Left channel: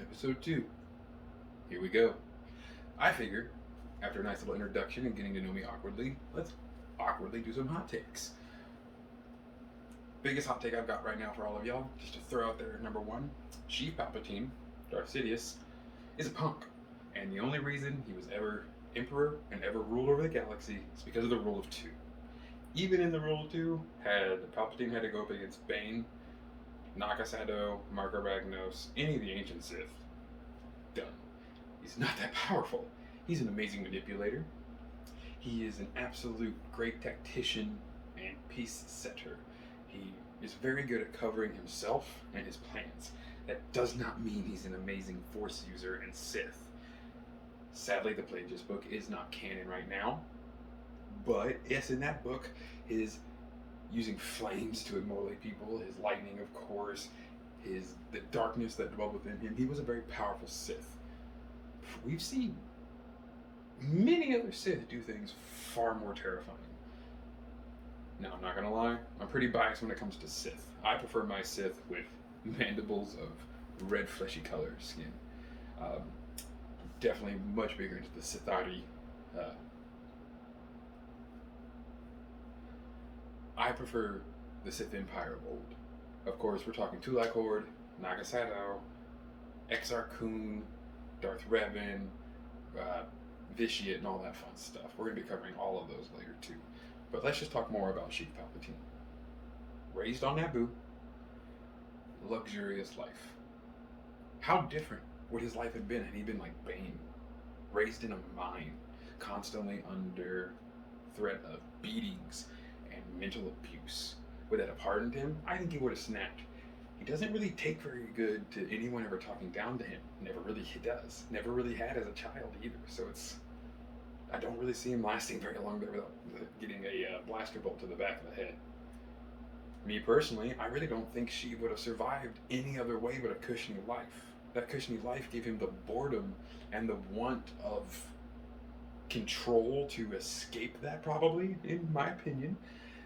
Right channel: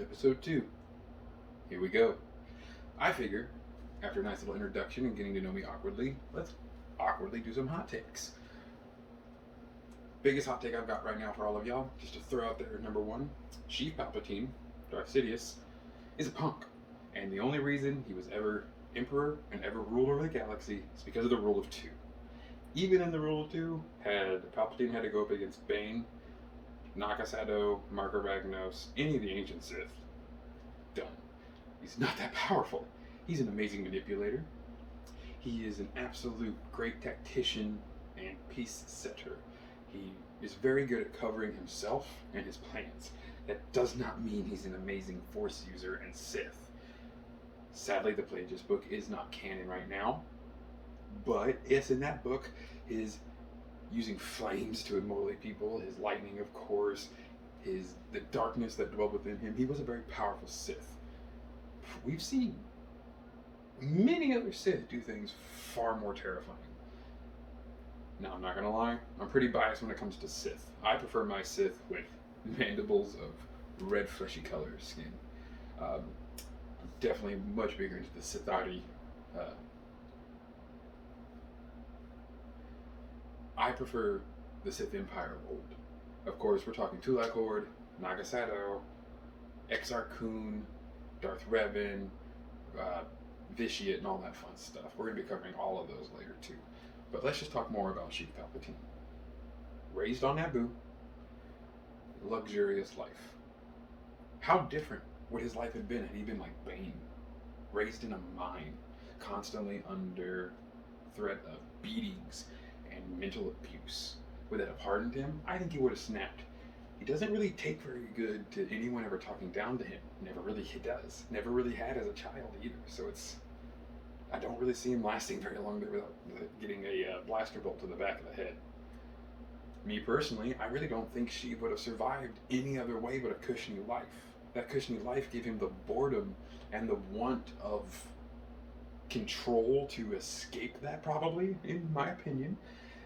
Episode 2. Here we go. I figure, after a nice little introduction and getting to know me awkwardly, let's awkwardly do some hot takes. Biggest hot take I've got right now for all of y'all, just to throw out there, number one, Chief Palpatine, Darth Sidious, is a punk. And the only reason he was ever emperor and ever ruled over the galaxy is because of the rule of two. Even in the rule of two, had Palpatine had to go up against Bane, Nakasado, Marco Ragnos, any of the ancient Sith, done. He's not that powerful. He's an amazing manipulator. He is an absolute great tactician and peace setter. He is very good at covering himself and his plans. That does not mean he's an amazing Force user and Sith. Sadly, the Plagueis book is not canon right now, but yes, in that book, his using flames to immolate people, his lightning, of course, the darkness that dwelled within him, he was a very powerful Sith. We've seen many other Sith do things far more terrifying. Now, I'm not gonna lie, I'm pretty biased when it comes to Sith. I prefer my Sith with mandibles of red fleshy color skin. I'm definitely much bigger into the Sithari. I prefer the Sith Empire of old. Of course, we're talking Tulak Horde, Nagasado, Exar Kun, Darth Revan, Vitiate, and all that fun stuff. We're going to be covering all of those later too. But let's just talk more about Chief Palpatine. Raised on Naboo, luxurious life. How different would his life have been had he been like Bane? Raised in a mine, constantly under threat of beatings and mental abuse. Would that have hardened him? I think he would have snapped. He doesn't really take very good to anyone ever talking down to him. Never really does. Never really had as a child either. So I don't really see him lasting very long there without getting a blaster bolt to the back of the head. Me personally, I really don't think she would have survived any other way but a cushiony life. That cushiony life gave him the boredom and the want of control to escape that, probably, in my opinion,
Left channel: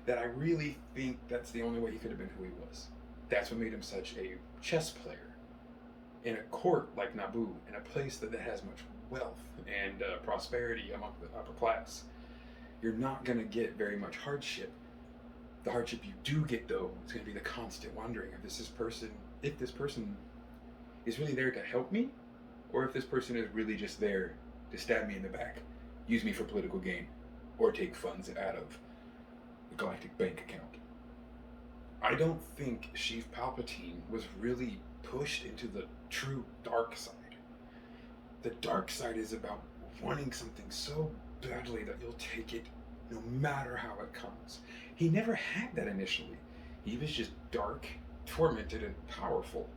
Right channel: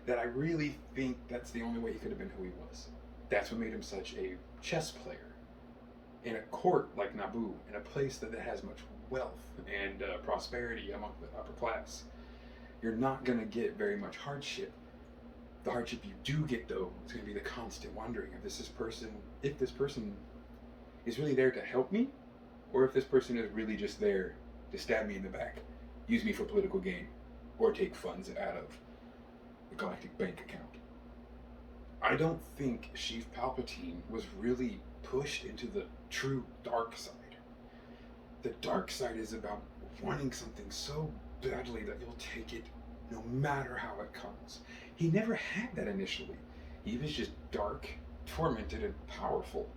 that I really think that's the only way he could have been who he was. That's what made him such a chess player in a court like Naboo, in a place that has much wealth and prosperity among the upper class. You're not going to get very much hardship. The hardship you do get, though, is going to be the constant wondering if this person is really there to help me, or if this person is really just there to stab me in the back, use me for political gain, or take funds out of the galactic bank account. I don't think Chief Palpatine was really pushed into the true dark side. The dark side is about wanting something so badly that you'll take it no matter how it comes. He never had that initially. He was just dark, tormented, and powerful.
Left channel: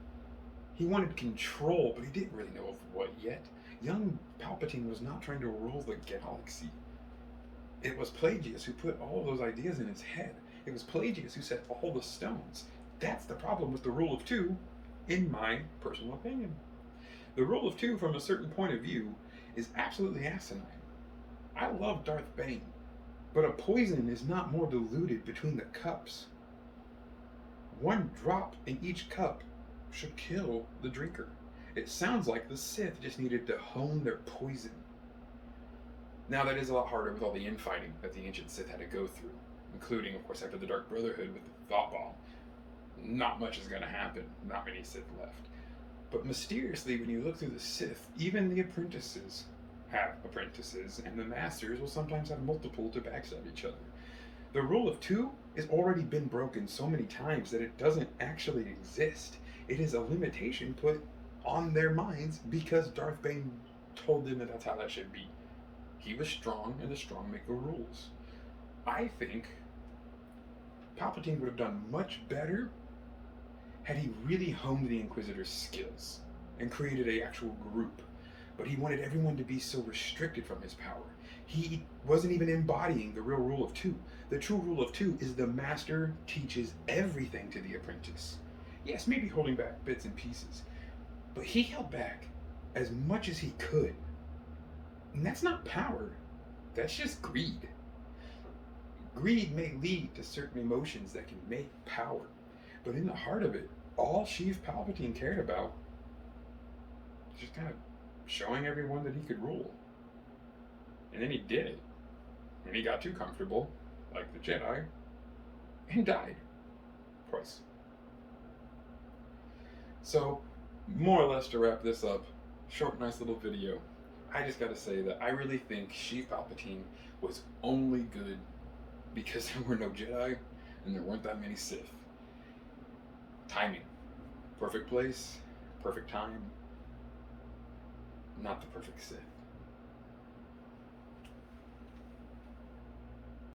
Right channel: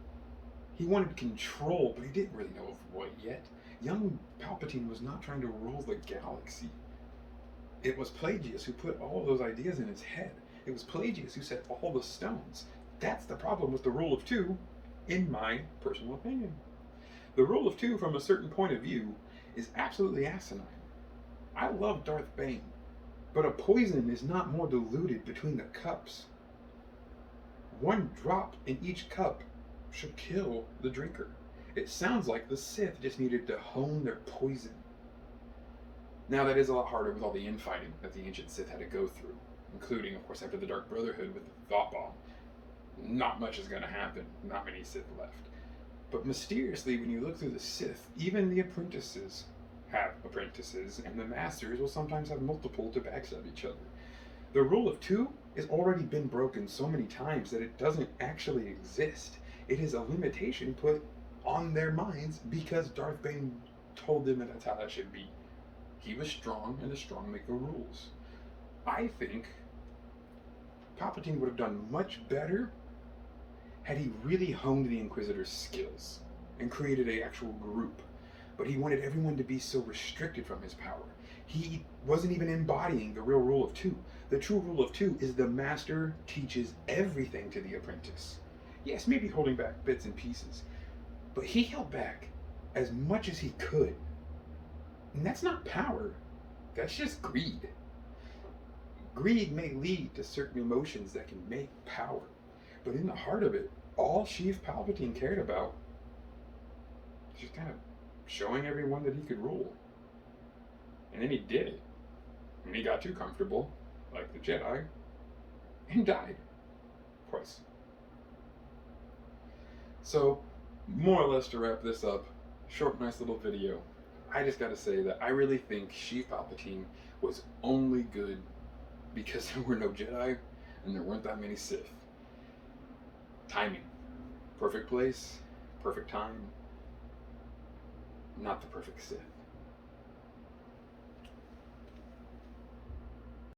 He wanted control, but he didn't really know of what yet. Young Palpatine was not trying to rule the galaxy. It was Plagueis who put all those ideas in his head. It was Plagueis who set all the stones. That's the problem with the rule of two, in my personal opinion. The rule of two, from a certain point of view, is absolutely asinine. I love Darth Bane, but a poison is not more diluted between the cups. One drop in each cup should kill the drinker. It sounds like the Sith just needed to hone their poison. Now, that is a lot harder with all the infighting that the ancient Sith had to go through, including, of course, after the Dark Brotherhood with the Thought Bomb. Not much is going to happen. Not many Sith left. But mysteriously, when you look through the Sith, even the apprentices have apprentices, and the masters will sometimes have multiple to backstab each other. The rule of two has already been broken so many times that it doesn't actually exist. It is a limitation put on their minds because Darth Bane told them that that's how that should be. He was strong, and the strong make the rules. I think Palpatine would have done much better had he really honed the Inquisitor's skills and created an actual group. But he wanted everyone to be so restricted from his power. He wasn't even embodying the real rule of two. The true rule of two is the master teaches everything to the apprentice. Yes, maybe holding back bits and pieces, but he held back as much as he could. And that's not power. That's just greed. Greed may lead to certain emotions that can make power. But in the heart of it, all Chief Palpatine cared about just kind of showing everyone that he could rule. And then he did it. And he got too comfortable, like the Jedi, and died. Twice. So, more or less to wrap this up, short, nice little video, I just gotta say that I really think Sheev Palpatine was only good because there were no Jedi and there weren't that many Sith. Timing. Perfect place, perfect time, not the perfect Sith.